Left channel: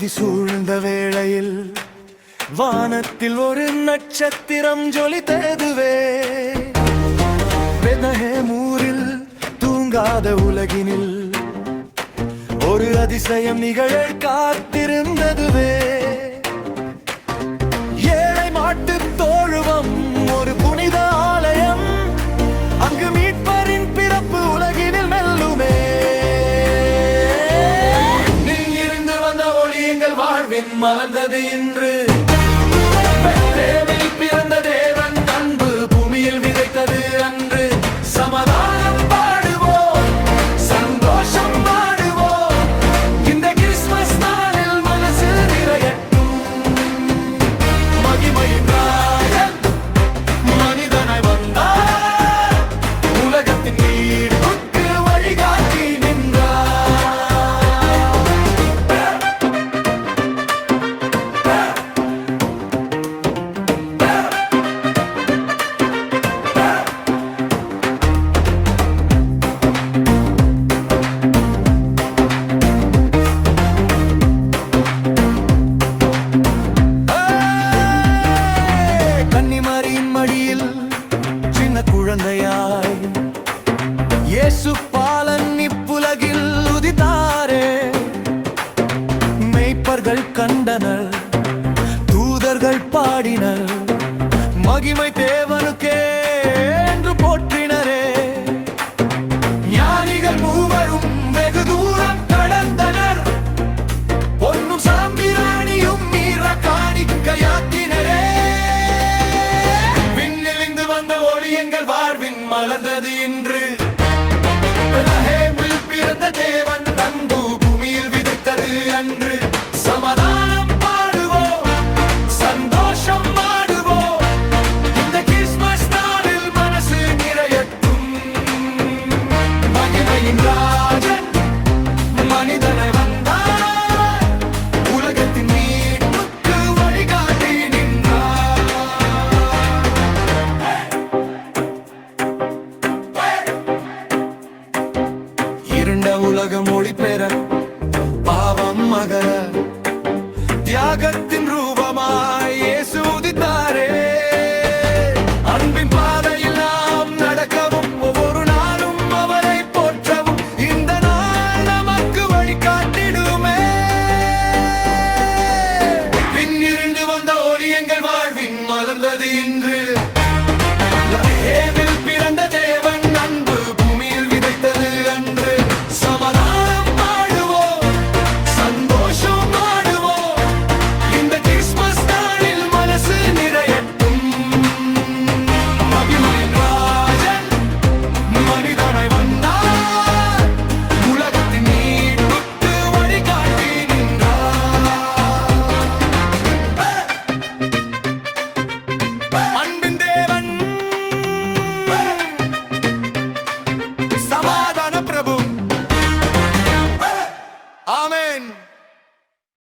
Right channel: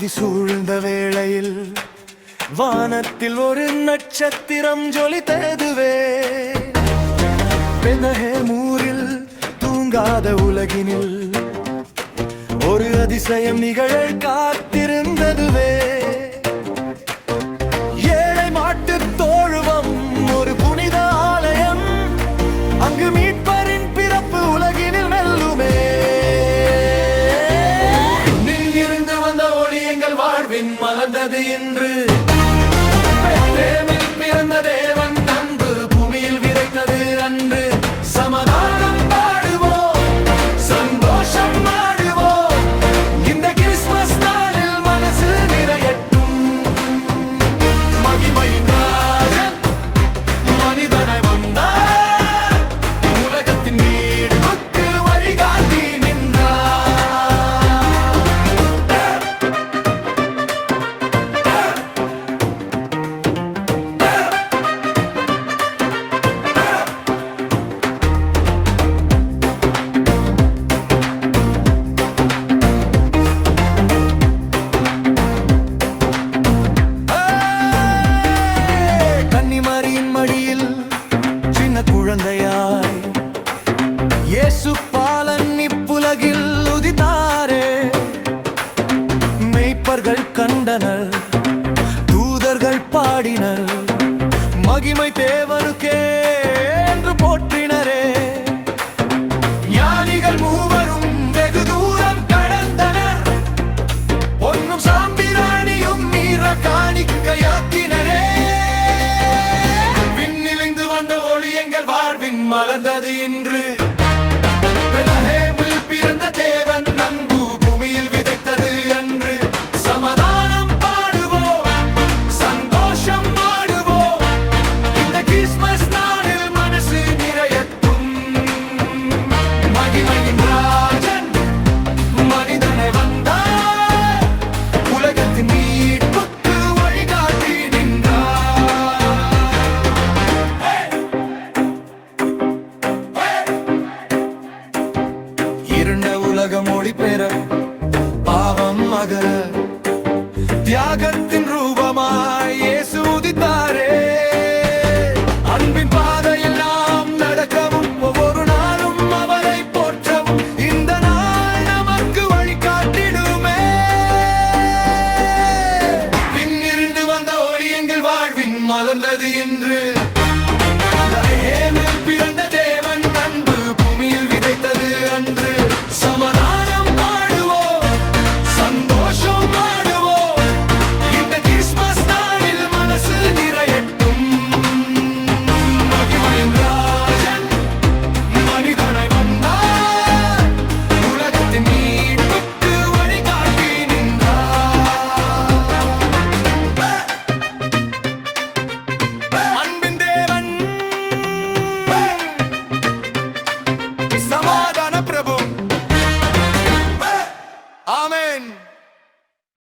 அமைதி சூழ்ந்த வேளையில் வானத்தில் ஒரு நட்சத்திரம் ஜொலித்ததுவே. பெனஹேமூரில் தூங்காத உலகினில் ஒரு அதிசயம் நிகழ காத்திருந்ததுவே. ஏழை மாட்டு தோழுவம் ஒரு புனித ஆலயம் அங்கு மீட்பரின் இருந்து ஒளி எங்கள் வாழ்வின் மலர்ந்தது இன்று. பிறந்த தேவன் இப்புலகில் உதித்தாரே. மெய்ப்பர்கள் கண்டனர் தூதர்கள் பாடினர் மகிமை தேவனுக்கே என்று போற்றினரே. ஞானிகள் மூவரும் வெகு தூரம் கடந்தனர் பொன்னும் சாம்பிராணியும் நீர காணிக்கையாக்கினரே. விண்ணிலிந்து வந்த ஒளி எங்கள் வாழ்வின் மலர்ந்தது இன்று. பூமியில் விதைத்தது அன்று. சமாதானம் பாடுவோம் சந்தோஷம் மாடுவோம் இந்த கிறிஸ்மஸ் நாளில் மனசு நிறையட்டும். மகிமையின் ராஜன் மனிதனை வந்தார். உலகத்தின் மீட்புக்கு வழிகாட்டி நின்றார். இருண்ட உலகம் ஒளி பெற பாவம் அகல தியாகத்தின் ரூபமாய் இயேசு உதித்தாரே. அன்பின் பாதையில் நாம் நடக்கவும் ஒவ்வொரு நாளும் அவரை போற்றவும் இந்த நாள் நமக்கு வழிகாட்டிடுமே. விண்ணிருந்து வந்த ஒளி எங்கள் வாழ்வின் மலர்ந்தது இன்று.